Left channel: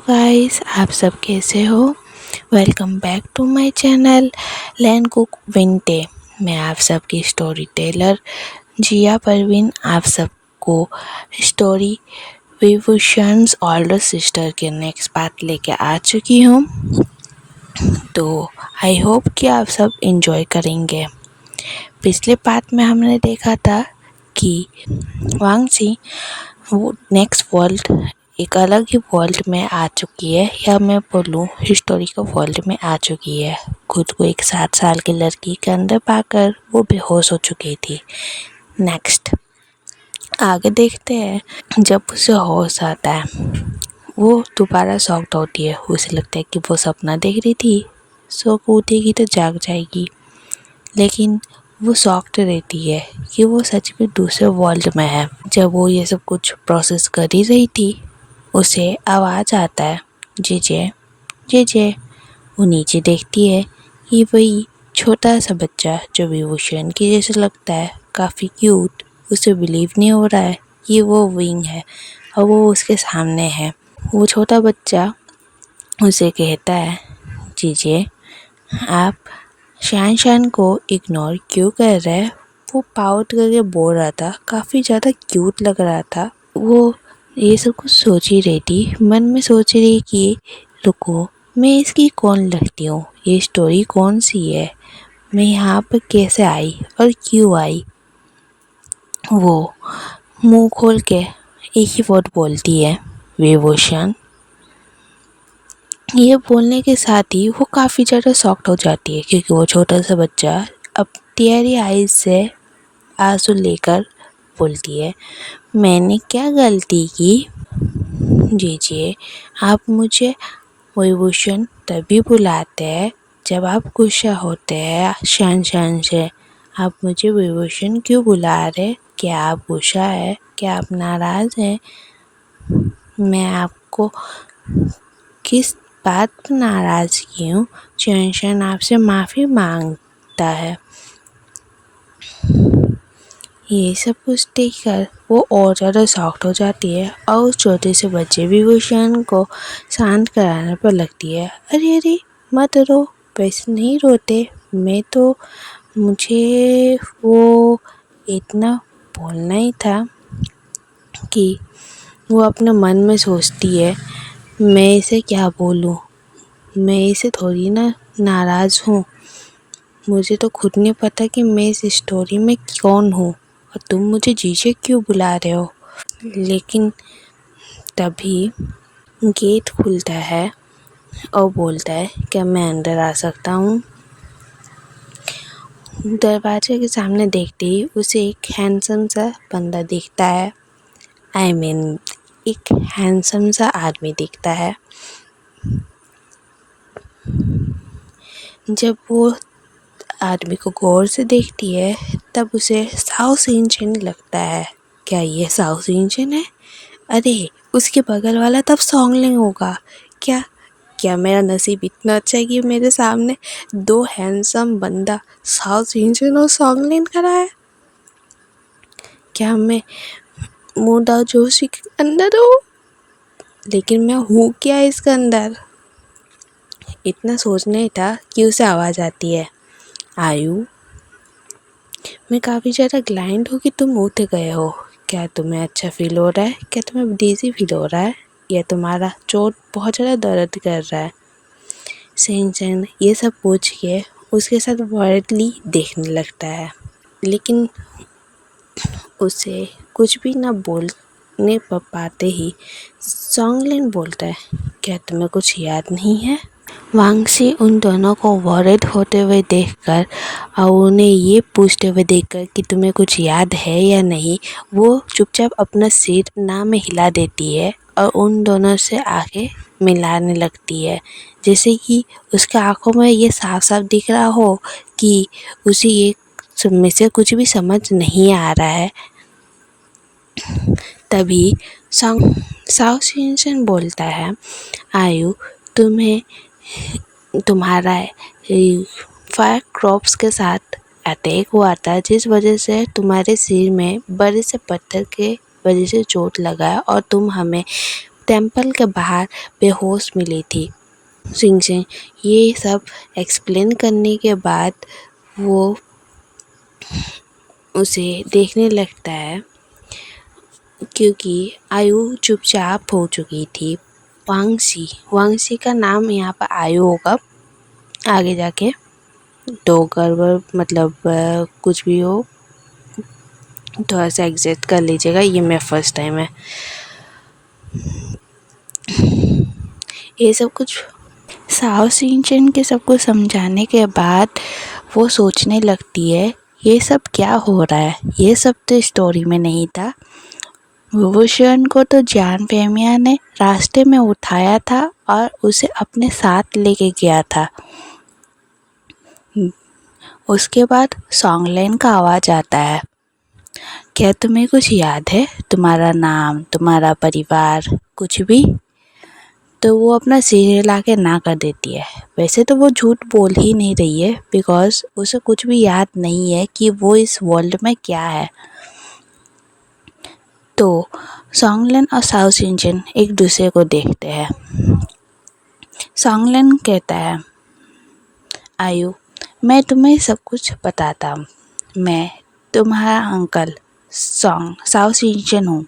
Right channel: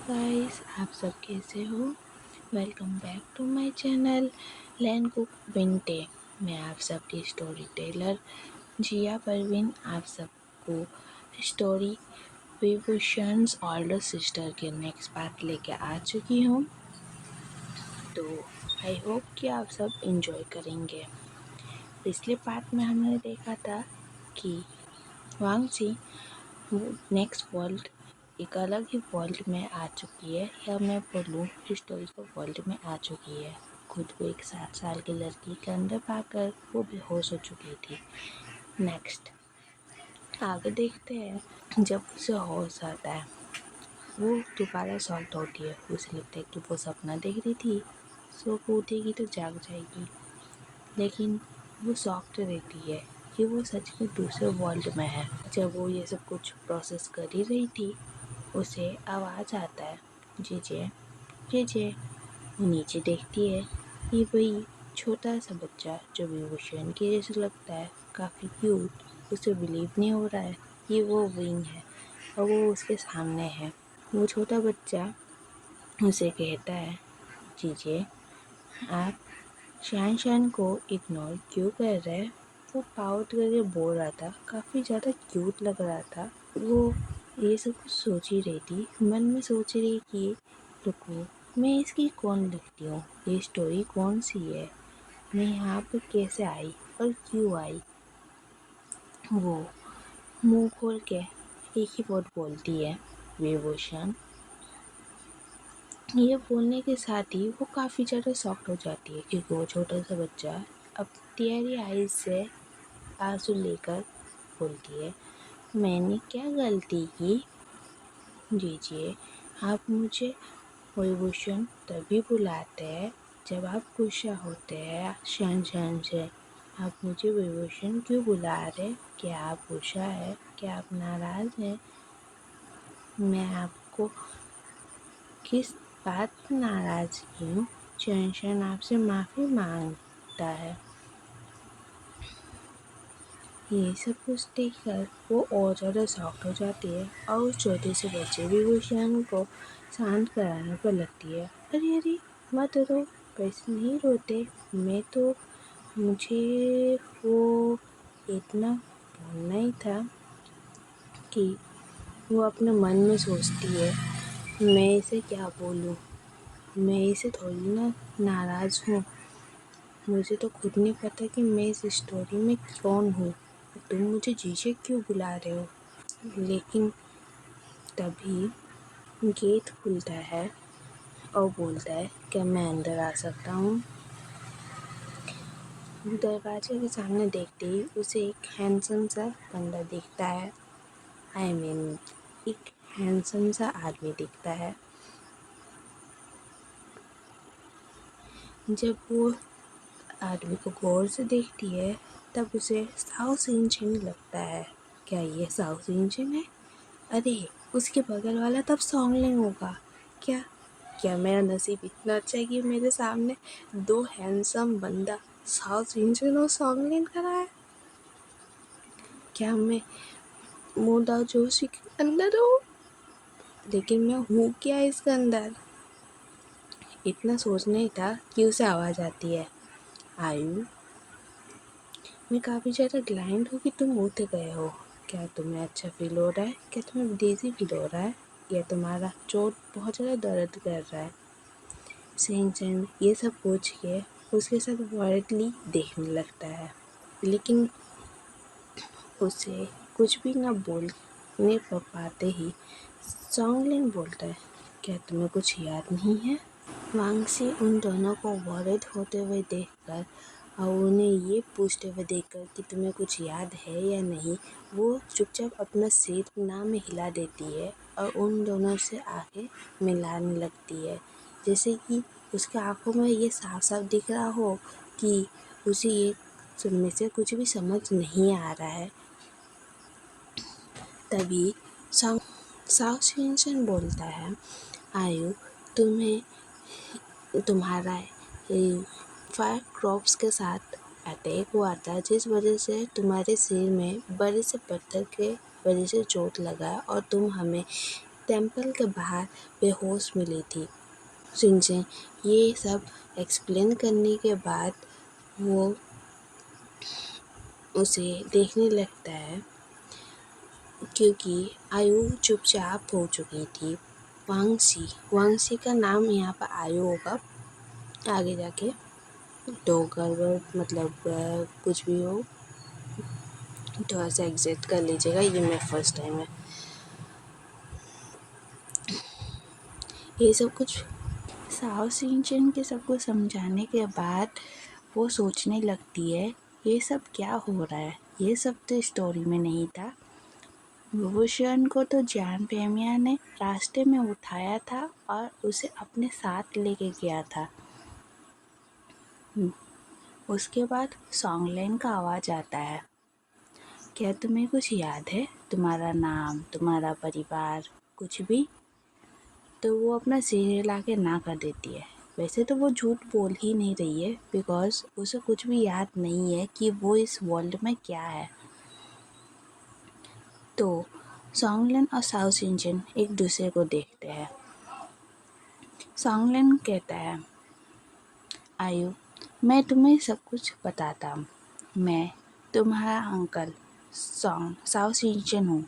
Guys, आप सब कैसे हो। Welcome back to my channel लैंड कुक विंटे। मैं आप सबकी स्टोरी टेलर जिया परवीन आप सबको स्टोरी विभूषण्स ओल्डर सिस्टर के नेक्स्ट पार्ट लेके आ चुकी हूँ। तो आई होप कि आप सब एंजॉय करेंगे। पिछले पार्ट में हमने देखा था कि वांगची वो नेक्स्ट वर्ल्ड एक अलग ही वर्ल्ड में आ चुकी है, या मैं बोलूँ हिस्टोरिकल वर्ल्ड में आ चुकी है। खुद को एक 7 साल की लड़की के अंदर पाकर वो बेहोश हो चुकी थी। नेक्स्ट आगे देखते हैं। जब उसे होश आता है वो दोबारा शॉक्ड होती है। उसे लगता है कि वो सपना देख रही थी, सो उठेगी तो जाग जाएगी, लेकिन वो शॉक्ड रहती है कि वो सच में दूसरे वर्ल्ड में है। जब वो ये सब कुछ प्रोसेस कर ही रही थी, उसे आवाज़ आता है जेजे जेजे। वो नीचे देखती है कि वही छोटा सा बच्चा जो विभूषण की जैसे लगता है, काफ़ी क्यूट। उसे बिलीव नहीं हो रहा है कि वो विंग है और वो उसके सामने है। वो छोटा बच्चा उसे कहता है, जीजे आप शान को इग्नोर क्यों कर रहे हैं। वो पाउट करके बोल रहा था, काफ़ी ज़्यादा क्यूट लग रहा था। वो ये सब कुछ सोच ही रही थी, मन में सोच रही कि रुको, मैं इसकी कौन लगती हूँ, ये स्टोरी कौन सी है, मैं यहाँ पर कैसे आई और क्यों आई। वो मुंह खोल के एक ही वर्ड बोलती है, विभूषण। ये बोलने के साथ ही वो काफ़ी ज़्यादा शॉक्ड हो जाती है, क्योंकि वो छोटा सा बच्चा अब टीयरी आइज से आंसू लेकर बोलती है, मैंने क्या गलती की। जी आप मुझे विभूषण तभी बुलाते हैं जब आप गुस्सा होते हैं। शान से आप मुझे विभूषण क्यों बुला रहे। क्या आप गुस्सा है, क्या आप नाराज़ हैं। मैं आपको किस बात पर नाराज़ की हूँ। चैन आपसे माफ़ी मांगता है। ये सब कुछ देखकर वो और ज़्यादा शॉक्ड हो जाती है और उस छोटे से बच्चे विभूषण को शांत कराने पर लगती है। अरे अरे मत रो, वैसे नहीं रोते, मैं तो मुझे वो इतना बोलना ही था कि वो अपने मन में सोचती है, मैं इसे क्या बोलूँ, मैं इसे थोड़ी ना नाराज़ हूँ। मुझे तो खुद नहीं पता कि मैं इस स्टोरी में कौन हूँ और तुम मुझे जीजे क्यों बुला रहे हो। लेकिन तभी गेट खुलता है और बोलता है, क्या मैं अंदर आ सकता हूँ। दरवाजे के सामने देखते ही उसे एक हैंडसम सा बंदा दिखता है। एक हैंडसम सा आदमी दिखता है। जब वो आदमी को गौर से देखती है तब उसे साउथ इंडियन लगता है। क्या ये साउथ इंडियन है। अरे उसके बगल वाला तब सॉन्गलिंग होगा। क्या क्या मेरा नसीब इतना अच्छा है कि मेरे सामने 2 हैंडसम बंदा साउथ इंडियन और सॉन्गलिंग करा है। क्या मैं मुदा जोशी के अंदर हूँ, लेकिन मैं हूँ क्या इसके अंदर। इतना सोचने था कि उसे आवाज़ आती है, आयु मैं काफ़ी ज़्यादा ग्लाइंड हूँ कि तुम उठ गए हो। क्या तुम्हें अच्छा फील हो रहा है, क्या तुम्हें डिज़ी फील हो रहा है, या तुम्हारा चोट बहुत ज़्यादा दर्द कर रहा है। सेंचन ये सब पूछ के उसके साथ वर्डली देखने लगता है, लेकिन उसे कुछ भी ना बोलने पर पाते ही सॉन्गलिन बोलता है, क्या तुम्हें कुछ याद नहीं है। वांगसी उन दोनों को वॉरेड होते हुए देखकर और उन्हें ये पूछते हुए देखकर कि तुम्हें कुछ याद है या नहीं, वो चुपचाप अपना सिर ना में हिला देती है और उन दोनों से आंखें मिलाने लगती है, जैसे कि उसके आंखों में ये साफ साफ दिख रहा हो कि उसे ये सब में से कुछ भी समझ नहीं आ रहा है। तभी साउथ इंडियन बोलता है, आयु तुम्हें तुम्हारा फायर क्रॉप्स के साथ अटैक हुआ था, जिस वजह से तुम्हारे सिर में बड़े से पत्थर के वजह से चोट लगा है और तुम हमें टेम्पल के बाहर बेहोश मिली थी। शिनचैन ये सब एक्सप्लेन करने के बाद वो उसे देखने लगता है, क्योंकि आयु चुपचाप हो चुकी थी। वांगसी का नाम यहाँ पर आयु होगा आगे जाके, तो गड़बड़ मतलब कुछ भी हो थोड़ा सा एग्जिट कर लीजिएगा, ये मेरा फर्स्ट टाइम है। ये सब कुछ साओ शिनचैन के सब कुछ समझाने के बाद वो सोचने लगती है ये सब क्या हो रहा है, ये सब तो स्टोरी में नहीं था। विभूषण को तो जान फेमिया ने रास्ते में उठाया था और उसे अपने साथ लेके गया था। उसके बाद सॉन्गलेन का आवाज़ आता है, क्या तुम्हें कुछ याद है, तुम्हारा नाम, तुम्हारा परिवार, कुछ भी? तो वो अपना सिर हिला के ना कर देती है। वैसे तो वो झूठ बोल ही नहीं रही है, बिकॉज उसे कुछ भी याद नहीं है कि वो इस वर्ल्ड में क्या है। तो सॉन्गलेन और साओ शिनचैन एक दूसरे को देखते हैं। सॉन्गलेन कहता है, आयु मैं तुम्हें सब कुछ बताता हूँ, मैं तुम्हारा अंकल साओ शिनचैन हूँ,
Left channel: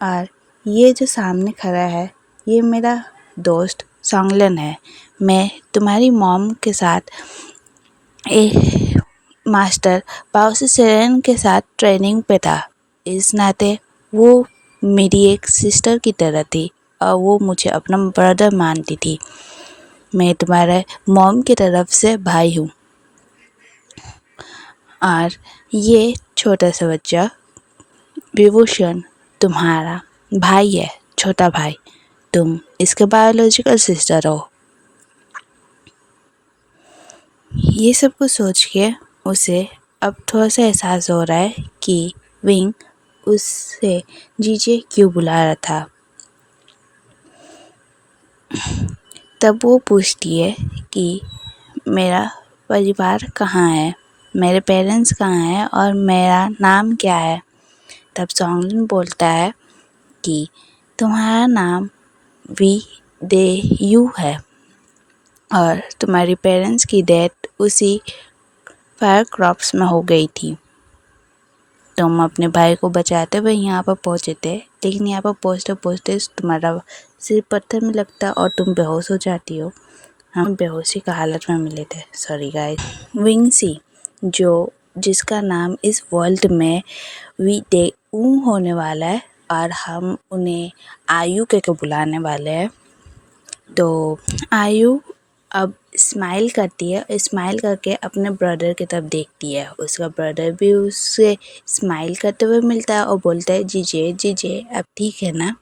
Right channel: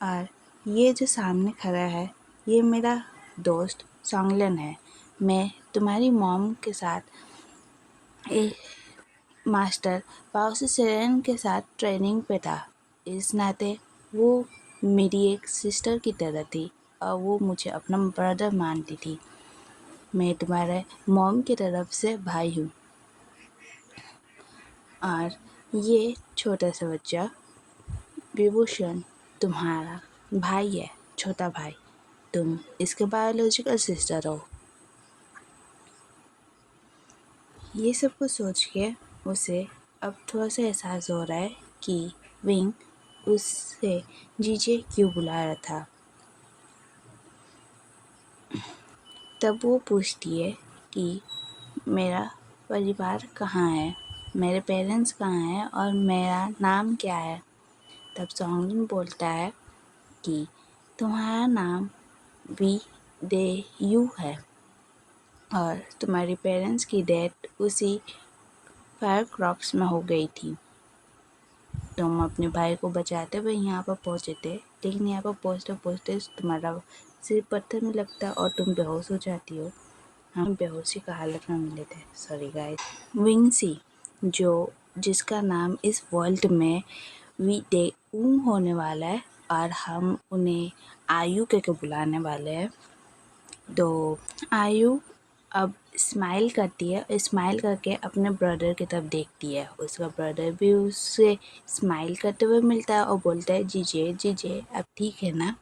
और ये जो सामने खड़ा है ये मेरा दोस्त सॉन्गलेन है। मैं तुम्हारी मॉम के साथ मास्टर पाओसी सेरेन के साथ ट्रेनिंग पे था। इस नाते वो मेरी एक सिस्टर की तरह थी और वो मुझे अपना ब्रदर मानती थी। मैं तुम्हारे मॉम की तरफ से भाई हूँ, और ये छोटा सा बच्चा विभूषण तुम्हारा भाई है, छोटा भाई। तुम इसके बायोलॉजिकल सिस्टर हो। ये सब कुछ सोच के उसे अब थोड़ा सा एहसास हो रहा है कि विंग उससे जीजे क्यों बुला रहा था। तब वो पूछती है कि मेरा परिवार कहाँ है, मेरे पेरेंट्स कहाँ हैं और मेरा नाम क्या है। तब सॉन्गलिन बोलता है कि तुम्हारा नाम वी दे यू है और तुम्हारी पेरेंट्स की डेथ उसी फायर क्रॉप्स में हो गई थी। तुम अपने भाई को बचाते हुए यहाँ पर पहुँचे थे, लेकिन यहाँ पर पहुँचते पहुँचते तुम्हारा सिर पत्थर में लगता और तुम बेहोश हो जाती हो। हम बेहोशी का हालत में मिले थे, सॉरी गाइस। विंगसी जिसका नाम इस वर्ल्ड में वी दे ऊ होने वाला है और हम उन्हें आयु के बुलाने वाले हैं। तो आयु अब स्माइल करती है, स्माइल करके अपने ब्रदर की तरफ देखती है। उसका ब्रदर भी उससे स्माइल करते हुए मिलता है और बोलता है जीजे जीजे अब ठीक है ना।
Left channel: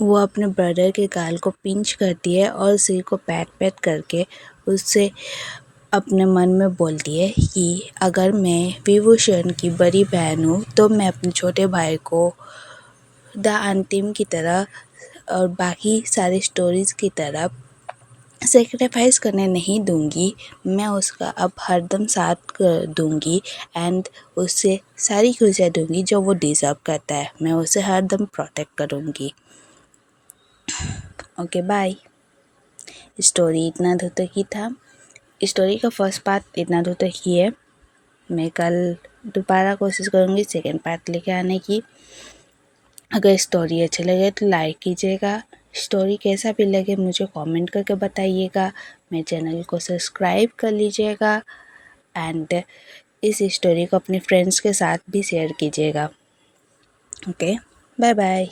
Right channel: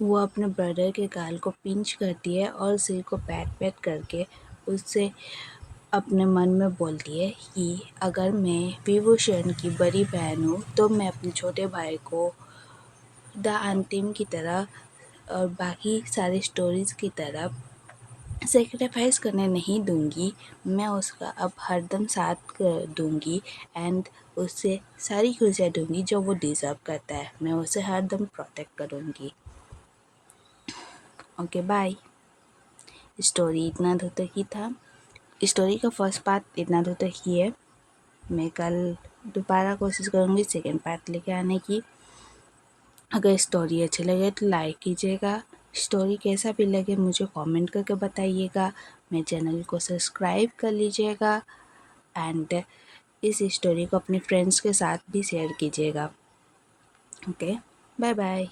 वो अपने ब्रदर के गाल को पिंच करती है और सिर को पैट पैट करके उससे अपने मन में बोलती है कि अगर मैं विभूषण की बड़ी बहन हूँ तो मैं अपने छोटे भाई को द अंतिम की तरह और बाकी सारी स्टोरीज़ की तरह सेक्रीफाइस करने नहीं दूंगी। मैं उसका अब हरदम साथ कर दूंगी एंड उससे सारी खुशियाँ दूंगी जो वो डिज़र्व करता है। मैं उसे हरदम प्रोटेक्ट करूंगी। Okay bye. स्टोरी इतना दूर तक ही था। स्टोरी का फर्स्ट पार्ट इतना दूर तक ही है। मैं कल दोबारा कोशिश करूँगी सेकेंड पार्ट लेके आने की। अगर स्टोरी अच्छी लगे तो लाइक कीजिएगा। स्टोरी कैसा भी लगे मुझे कमेंट करके बताइएगा। मेरे चैनल को सब्सक्राइब कर लीजिएगा एंड इस स्टोरी को अपने फ्रेंड्स के साथ भी शेयर कीजिएगा। Okay bye bye.